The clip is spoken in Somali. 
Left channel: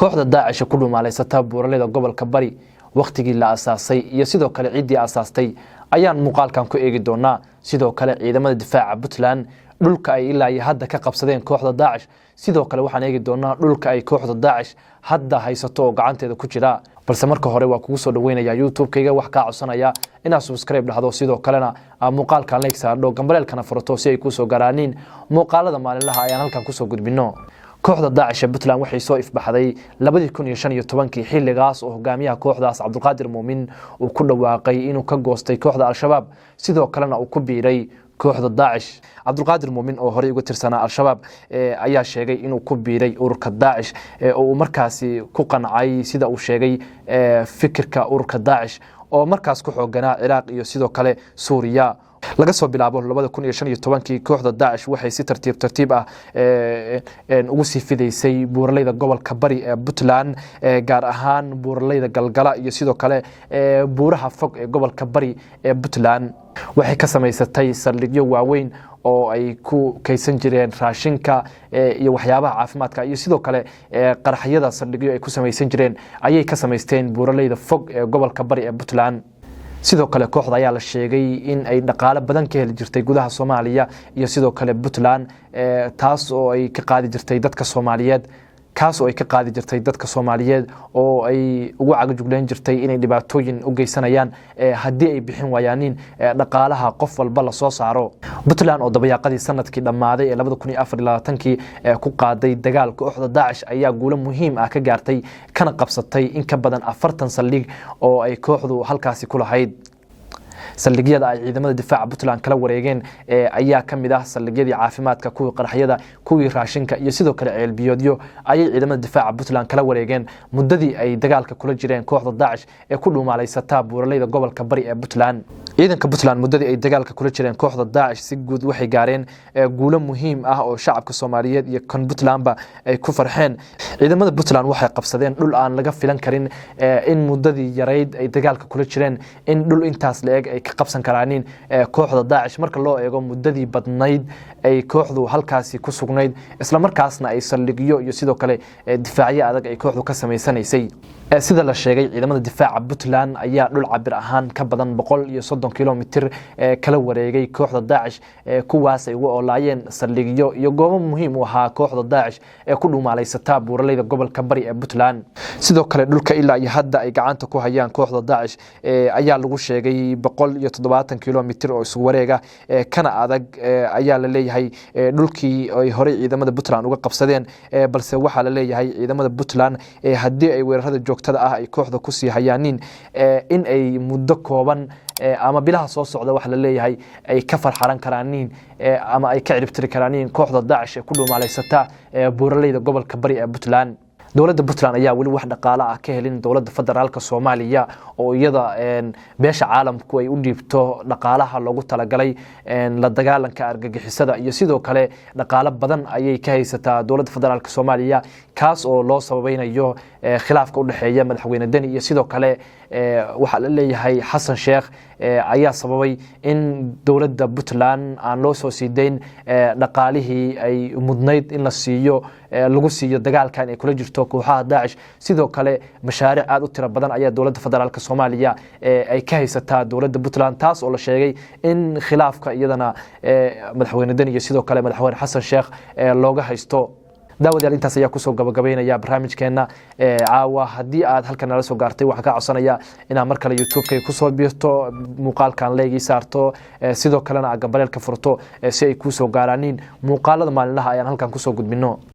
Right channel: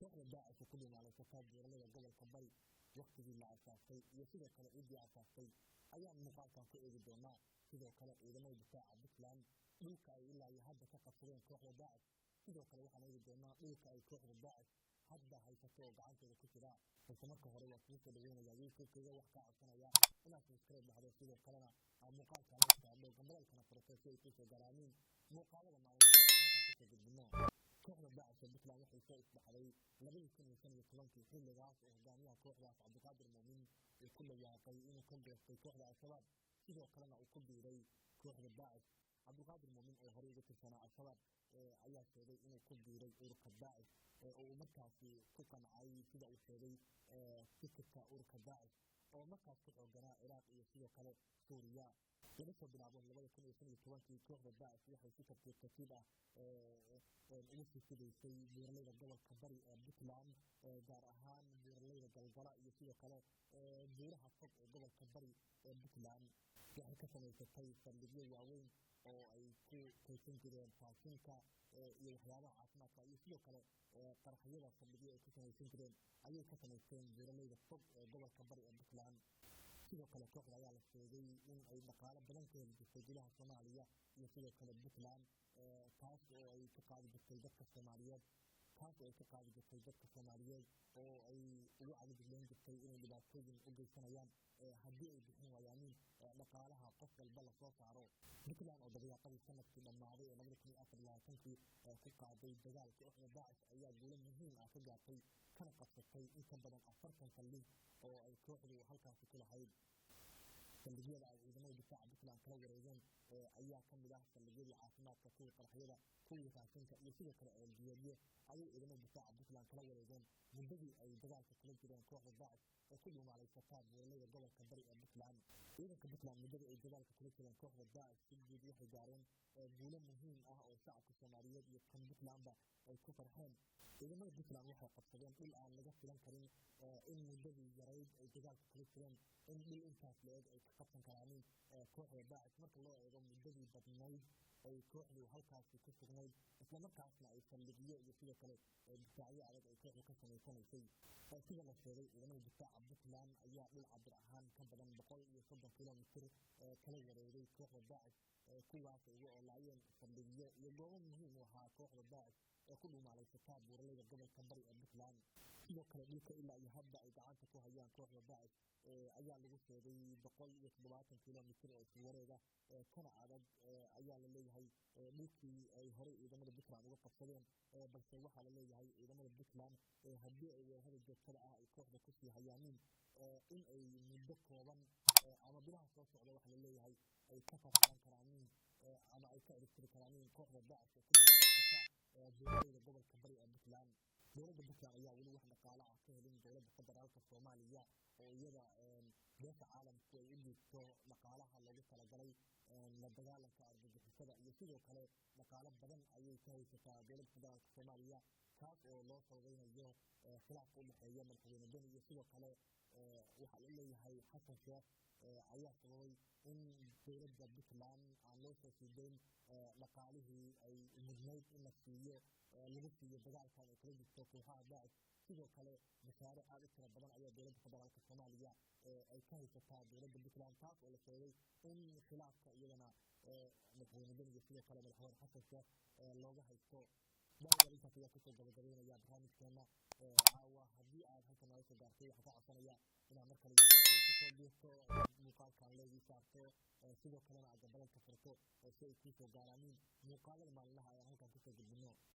kooxda Daacish ku dhuumaaleysata buuraleyda gobolka Bari waqtigii la asaasay iyo sidoo kale ciidii asaastay ayaan muuqaalkan ku eegi doonaa. sidoo kale ciidamada difaaca Puntland dhulka ay ilaa hadda ka qabsadeen kooxda Daacish. sidoo kale waxaan eegi doonaa dhulka ay kooxda Daacish hadda haysato oo gacanteeda ku jira. balse marka hore waa kugu soo dhaweynaya YouTube-kayga wax ka codsanaya inaad subscribe dhahdo sidoo kalena muuqaalkan like saardo gambaleelkana furto si ay ku soo garaaniin muuqaalada maalinlaha ayaan halkan ku soo gudbino. kooxda Daacish Puntland waxay soo ifbaxday 2015 xilligaas oo hogaamiyaha kooxdaas Cabdulqaadir Muumin uu ku dhawaaqay inuu ka goostay kooxda Al-Shabaab sidoo kalena uu ku biiray kooxda Daacish. Cabdulqaadir Muumin oo hore uga tirsanaa Al-Shabaab ayaa sheegay inuu ku biiray ururka Daacish oo uu markaasi ku qancay sida uu sheegay fikirka ururka Daacish oo markaas ku xooganaa Ciraaq iyo sidoo kale Suuriya. laga soo bilaabo 2015 kooxda Daacish waxay si tartiib ah ugu sii fidaysay buuraleyda gobolka Bari ee Puntland gaar ahaan buuraleyda Galgala iyo sidoo kale buuraha fog ee gobolka Bari ee Puntland. waxay ka samaysatay saldhigyo waaweyn oo ay ku kaysan jireen raashinka iyo waxyaabaha caafimaadka iyo sidoo kale qaraxyada saldhigyo ay ku samaysan jireen ayay ka samaysteen buuraleyda fog ee gobolka Bari ee Puntland. sidoo kale kooxda ayaa la sheegay in ay dhaqaale badan ka heli jirtay gudaha Soomaaliya iyo sidoo kale Puntland taas oo ay ka qaadi jirtay dadka Soomaaliyeed oo ay ugu cagajugleen jirtay inay dhibaatooyin u geysanayaan haddii ay bixin waayaan dhaqaalaha qof walba la soo saaro. Puntland oo dabayaaqadii sanadkii dhammaaday ee 2024 ku qaaday dagaal kooxda Daacish ayaa guulo muhiim ah ka gaartay kana qabsatay in ka badan 40 saldhig oo ay kooxdu halkaasi ku lahayd. saldhigyada ay ciidamada difaaca Puntland kala wareegeen ayaa kamid ah saldhigyadii caafimaadka kuwii qaraxyada kuwii raashinka iyo sidoo kale ceelbiyoodyo ayay ciidamada difaaca Puntland kala wareegeen muddadii ay dagaalka kula jireen kooxda Daacish ee ku dhuumaaleysata buuraleyda gobolka Bari ee Puntland. ciidanka Puntland muddadii ay dagaalka kula jireen kooxda Daacish si guud waxay gaareen guulo muhiim ah oo shacabka Soomaaliyeed iyo kan Puntlandba ay ku farxeen. ciidamada Puntland waxay qabsadeen dhul aan laga filan karin in muddadii yareyd ay dagaalka kula jireen in dhul intaas la eg ay ka qabsan karaan kooxda Daacish marka loo eego muddadii badnayd ay kooxdu halkaasi ku sugnayd isla markaasna ay saldhigyo iyo sidoo kale difaacyo adag ay kooxdu ka sameysanaysay. sida la sheegay ciidamada difaaca Puntland ayaa dhul cabir ahaan ka badan 130 kilomitir kala wareegay kooxda Daacish kuwaas ay ugu oolaayeen saldhigyo iyo goobo muhiim u ahaa kooxda Daacish ee ku dhuumaaleysata buuraleyda gobolka Bari ee Puntland. sidoo kale dhulka ilaa iyo hadda ay gacanta ku hayaan kooxda Daacish ayaa lagu sheegay 170 kilomitir oo isku wareega kana adag ayaa la leeyahay dhulkii ay hore ciidamada Puntland uga qabsadeen balse waxa la leeyahay ciidamada Puntland haddii ay weerarada ay kooxda ku sii hayaanin in ay muddo kooban ama bilaha soo socda wax la leeyahay ay ka farxaran karaanin ama ay ka ciribtiri karaanin kooxda Daacish ee ku dhuumaaleysata buuraleyda gobolka Bari ee Puntland. dowladda Puntland ayaa wali wax dhaqaale ah ka helin dowladda federaalka Soomaaliya oo iyada beesha caalamku ay u dhiibto dhaqaalaha loogu talagalay la dagaalanka argagixisada iyo sidoo kale dhaqaale badan ayay ka haysataa dowladda federaalka Soomaaliya kaas oo loo sabaynayo khilaafka u dhaxeeya madaxweyne Deni iyo sidoo kale waxa la leeyahay Xasan Sheekh ayaa sababay in dowladda Puntland aan loo soo siideyn dhaqaalihii ay mudnayd in la siiyo lagu siiyo dagaalkan ay kula jirto kooxaha Daacish. sidoo kale mashaariic aad u tiro badan ayaa dowladda federaalka Soomaaliya ay ka haysataa dowladda Puntland taas oo la sheegay in khilaafka iyadana madaxweyne Deni iyo sidoo kale madaxweyne Xasan Sheekh looga haysto. daawadayaal intaas ayaa kusoo gabagabeynaya barnaamijkeena caawa. haddii aad halkan nala soo gaartay waxaan ka codsanaya inaad mar kale YouTube-kayga kusoo biirto muuqaalkan leegi saarto sidoo kalena gambaleelka furto si ay kusoo gaaraaniin muuqaalada maalinlaha ayaan halkan kusoo gudbino.